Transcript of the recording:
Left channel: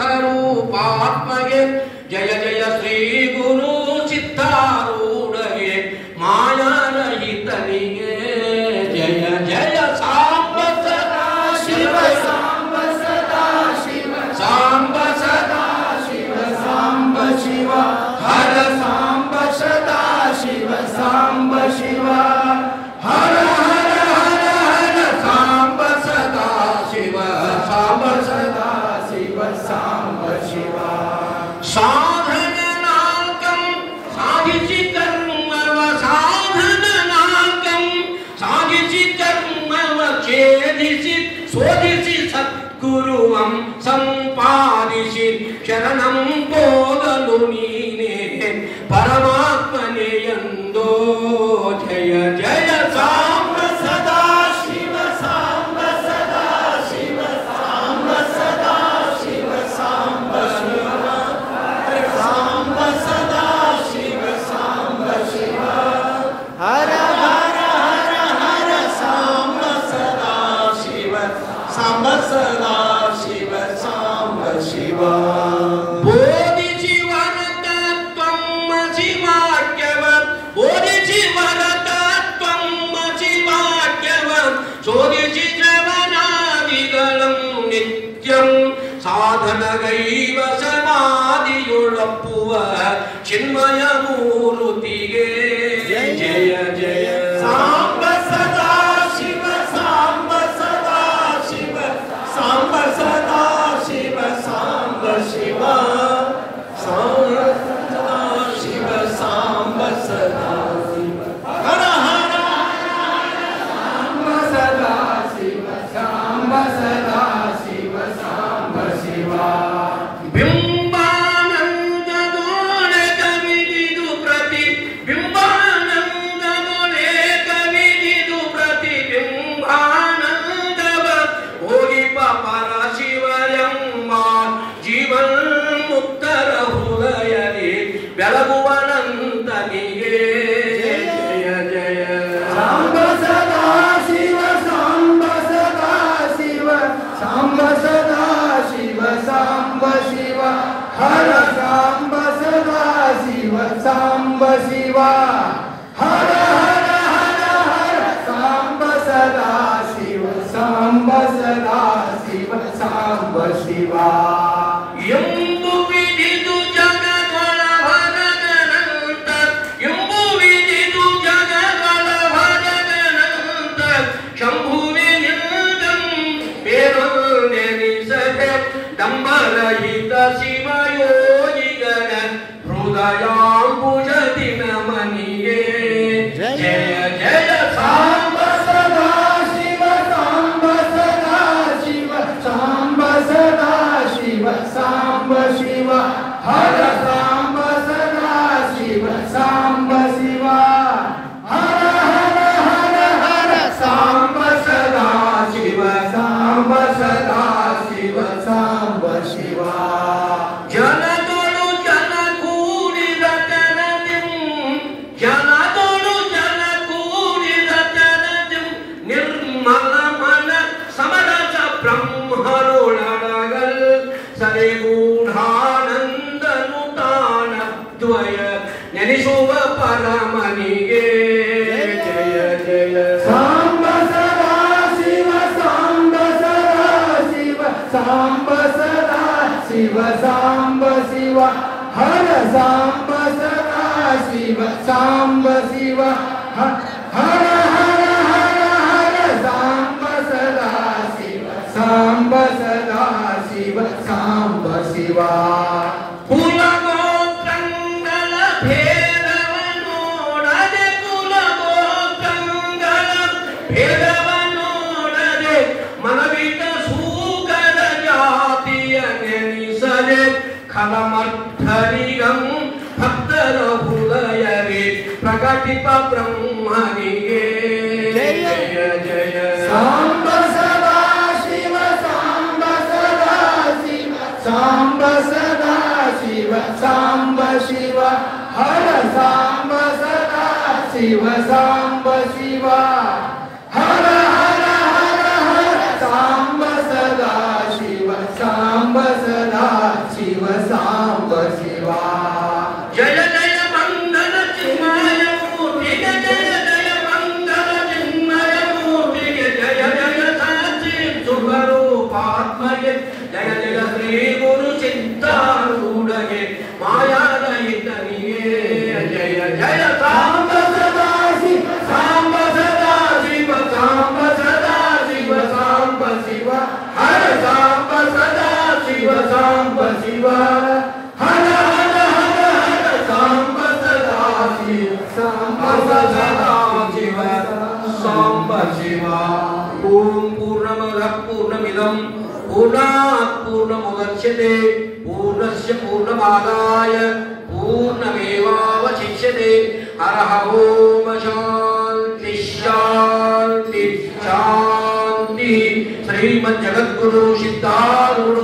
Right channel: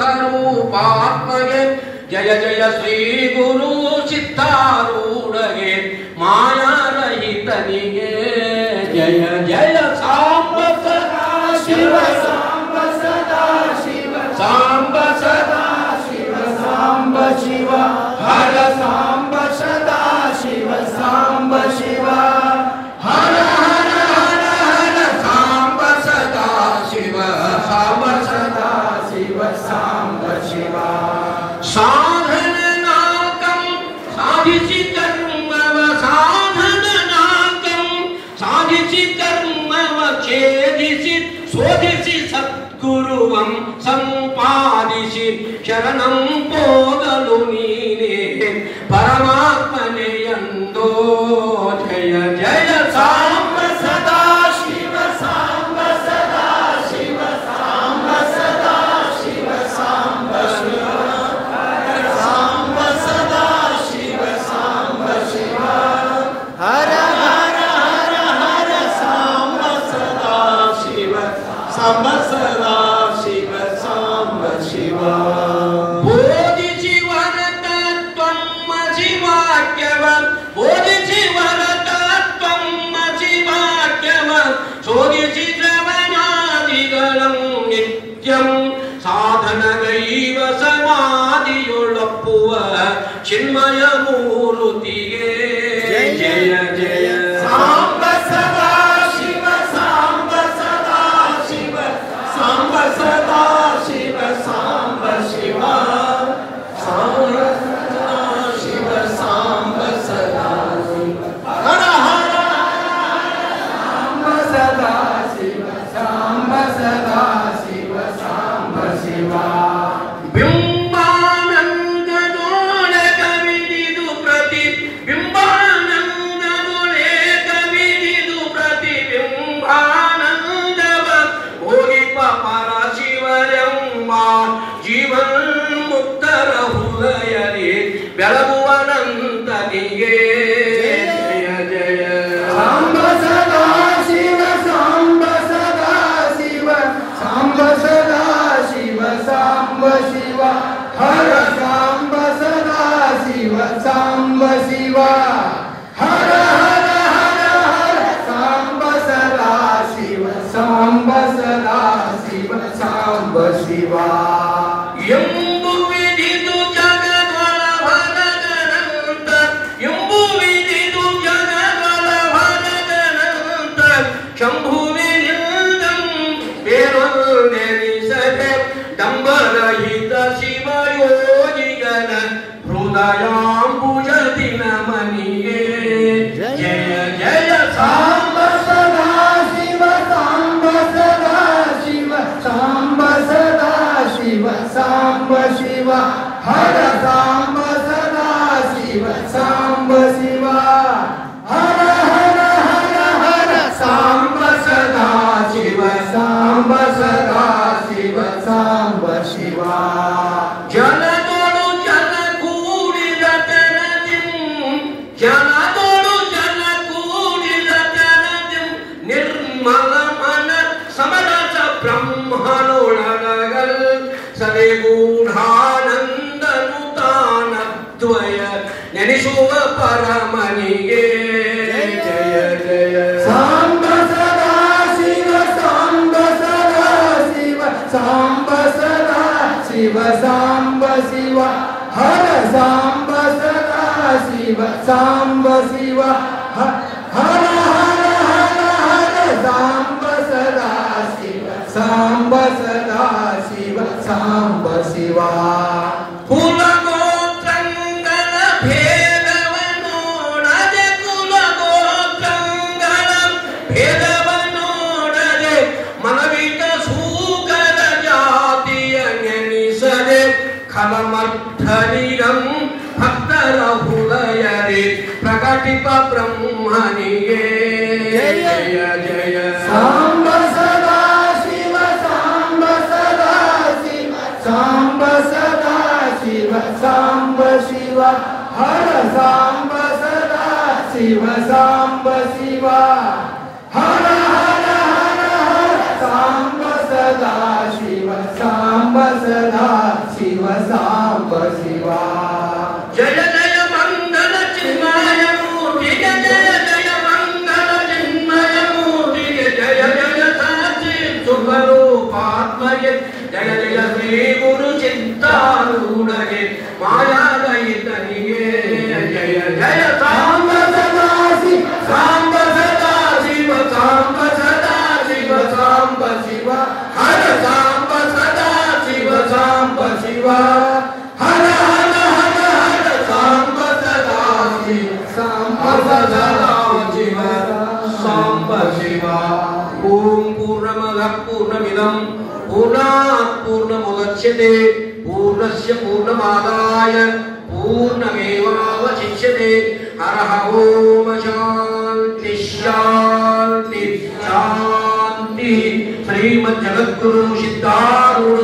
ಸುಖರೂಪಾತ್ಮಗೆ ಜಯ ಜಯ ಶ್ರೀ ಗುರು ಸಿದ್ಧಾರೂಢಗೆ ಮಾಯಾರಹಿತನಿಗೆ ಜಯ ಜಯ ಸಾಂಬ ಸದಾ ಶಿವ ಸಾಂಬ ಸದಾ ಶಿವ ಸಾಂಬ ಸದಾ ಶಿವ ಸಾಂಬ ಶಿವ ಹರ ಸಾಂಬ ಸದಾ ಶಿವ ಸಾಂಬ ಶಿವ ಹರ ಹರ ಹರ ಹರ ಸಾಂಬ ಸದಾ ಶಿವ ಸಾಂಬ ಸದಾ ಶಿವ ಸಾಂಬ ಶಿವ ಸಾಧನ ನಾಲ್ಕಂ ಸಾಧಿಸಿ ಕರ್ಮವ ಸಾಧನ ನಾಲ್ಕಂ ಸಾಧಿಸಿ ಕರ್ಮವ ಛೇದಿಸಿ ಶೋಧಿಸಿ ಸದ್ಗುರುವಂ ಸಂಪಾದಿಸಿ ಶರಣಂ ಹೋಗಲು ನೀನೇ ಪರಮಾತ್ಮನೇ ಎಂದೋ ಜಯ ಜಯ ಸಾಂಬ ಸದಾ ಶಿವ ಸಾಂಬ ಸದಾ ಶಿವ ಸಾಂಬ ಸದಾ ಶಿವ ಸಾಂಬ ಶಿವ ಸಾಂಬ ಸದಾ ಶಿವ ಸಾಂಬ ಶಿವ ಹರ ಹರ ಹರ ಹರ ಸಾಂಬ ಸದಾ ಶಿವ ಸಾಂಬ ಸದಾ ಶಿವ ಸಾಂಬ ಶಿವ ಬೋಧಿಸಿ ವರತತ್ವಂ ಶಿವಾಕ್ಯವಂ ಬೋಧಿಸಿ ವರತತ್ವಂ ಶಿವಾಕ್ಯವಂ ಶೋಧಿಸಿ ಶ್ರವಣಾದಿಗಳಂ ನಿತ್ಯಂ ಸಾಧನಗೈವ ಸಮಾಧಿಯೊಳಪ್ಪುವ ಚಿನ್ಮಯ ಮೂರುತಿಗೆ ಜಯ ಜಯ ಸಾಂಬ ಸದಾ ಶಿವ ಸಾಂಬ ಸದಾ ಶಿವ ಸಾಂಬ ಸದಾ ಶಿವ ಸಾಂಬ ಶಿವ ಸಾಂಬ ಸದಾ ಶಿವ ಸಾಂಬ ಸದಾ ಶಿವ ಹರ ಹರ ಸಾಂಬ ಸದಾ ಶಿವ ಸಾಂಬ ಸದಾ ಶಿವ ಸಾಂಬ ಶಿವ ಬಿಂಬಾನಂದದೊಳೆ ಕವಿದಿದು ಪ್ರತಿ ಬಿಂಬಾನಂದದೊಳೆ ಕವಿದಿದು ಪ್ರತಿ ಬಿಂಬಾನಂದವ ಹೋಗಿಪ ಪರ ಶಿವರೆಂಬ ಜೀವನ್ಮುಕ್ತರ ಹೃದಯದಿ ಬೆಳಗುವನಂತನಿಗೆ ಜಯ ಜಯ ಸಾಂಬ ಸದಾ ಶಿವ ಸಾಂಬ ಸದಾ ಶಿವ ಸಾಂಬ ಸದಾ ಶಿವ ಸಾಂಬ ಶಿವ ಹರ ಸಾಂಬ ಸದಾ ಶಿವ ಸಾಂಬ ಶಿವ ಹರ ಹರ ಹರ ಹರ ಸಾಂಬ ಸದಾ ಶಿವ ಸಾಂಬ ಸದಾ ಶಿವ ಸಾಂಬ ಶಿವ ಎಂಬು ವಿಧಿದು ಜಗದೊಳ ಭರಗನಂತ ಎಂಬು ವಿಧಿದು ಜಗದೊಳ ಭರಗನಂತ ಶಂಭುವಿನಿಂದಂ ನೆನೆಸದೆ ಡಂಬರಹಿತ ಶಿವಯೋಗಿಗನ ಹೃದಯಾಂಬುಜದಿ ನಮನಿಗೆ ಜಯ ಜಯ ಸಾಂಬ ಸದಾ ಶಿವ ಸಾಂಬ ಸದಾ ಶಿವ ಸಾಂಬ ಸದಾ ಶಿವ ಸಾಂಬ ಶಿವ ಹರ ಸಾಂಬ ಸದಾ ಶಿವ ಸಾಂಬ ಶಿವ ಹರ ಹರ ಹರ ಹರ ಸಾಂಬ ಸದಾ ಶಿವ ಸಾಂಬ ಸದಾ ಶಿವ ಸಾಂಬ ಶಿವ ಜನದೊಳು ಜನ ಕೂಡಿದ ತೆರದಿಂ ಜನದೊಳು ಜನ ಕೂಡಿದ ತೆರದಿಂ ನಿರ್ಮಲ ಮನ ಸಮರಸ ಬ್ರಹ್ಮನೊಳಗಲ್ ಸರಿಗೂಢಾನಂದನು ತಾನದ್ವಯ ನೆನೆಸುವ ಪರಮನಿಗೆ ಜಯ ಜಯ ಸಾಂಬ ಸದಾ ಶಿವ ಸಾಂಬ ಸದಾ ಶಿವ ಸಾಂಬ ಸದಾ ಶಿವ ಸಾಂಬ ಶಿವ ಹರ ಸಾಂಬ ಸದಾ ಶಿವ ಸಾಂಬ ಶಿವ ಹರ ಹರ ಹರ ಹರ ಸಾಂಬ ಸದಾ ಶಿವ ಸಾಂಬ ಸದಾ ಶಿವ ಸಾಂಬ ಶಿವ ಕುಲಗೋತ್ರಂಗಳ ಭೇದವನೋಡದೆ ಕುಲಗೋತ್ರಂಗಳ ಭೇದವನೋಡದೆ ಮನವಿಕ ಸೂಕರ ಜಾತಿಯ ನೆನಿಸದೆ ಖಲಮರ್ಥರಿಯಂ ಭಕ್ತರ ಹೃದಯದಿ ಪ್ರಕಟಿಪ ಬ್ರಹ್ಮನಿಗೆ ಜಯ ಜಯ ಸಾಂಬ ಸದಾ ಶಿವ ಸಾಂಬ ಸದಾ ಶಿವ ಸಾಂಬ ಸದಾ ಶಿವ ಸಾಂಬ ಶಿವ ಹರ ಸಾಂಬ ಸದಾ ಶಿವ ಸಾಂಬ ಶಿವ ಹರ ಹರ ಹರ ಹರ ಸಾಂಬ ಸದಾ ಶಿವ ಸಾಂಬ ಸದಾ जय जय श्री गुरु चिंतारूढ़े माया दयितनिये जय जय सांब सदा शिव सांब सदा शिव सांब सदा शिव सांब शिव हर सांब सदा शिव सांब शिव हर हर हर हर सांब सदा शिव सांब सदा शिव सांब शिव ओम पूर्णमदः पूर्णमिदं पूर्णात् पूर्णमुदच्यते पूर्णस्य पूर्णमादाय पूर्णमेवावशिष्यते हरः ओम शांति शांति शांति श्रीमद् जगद्गुरु सिद्धारूढ़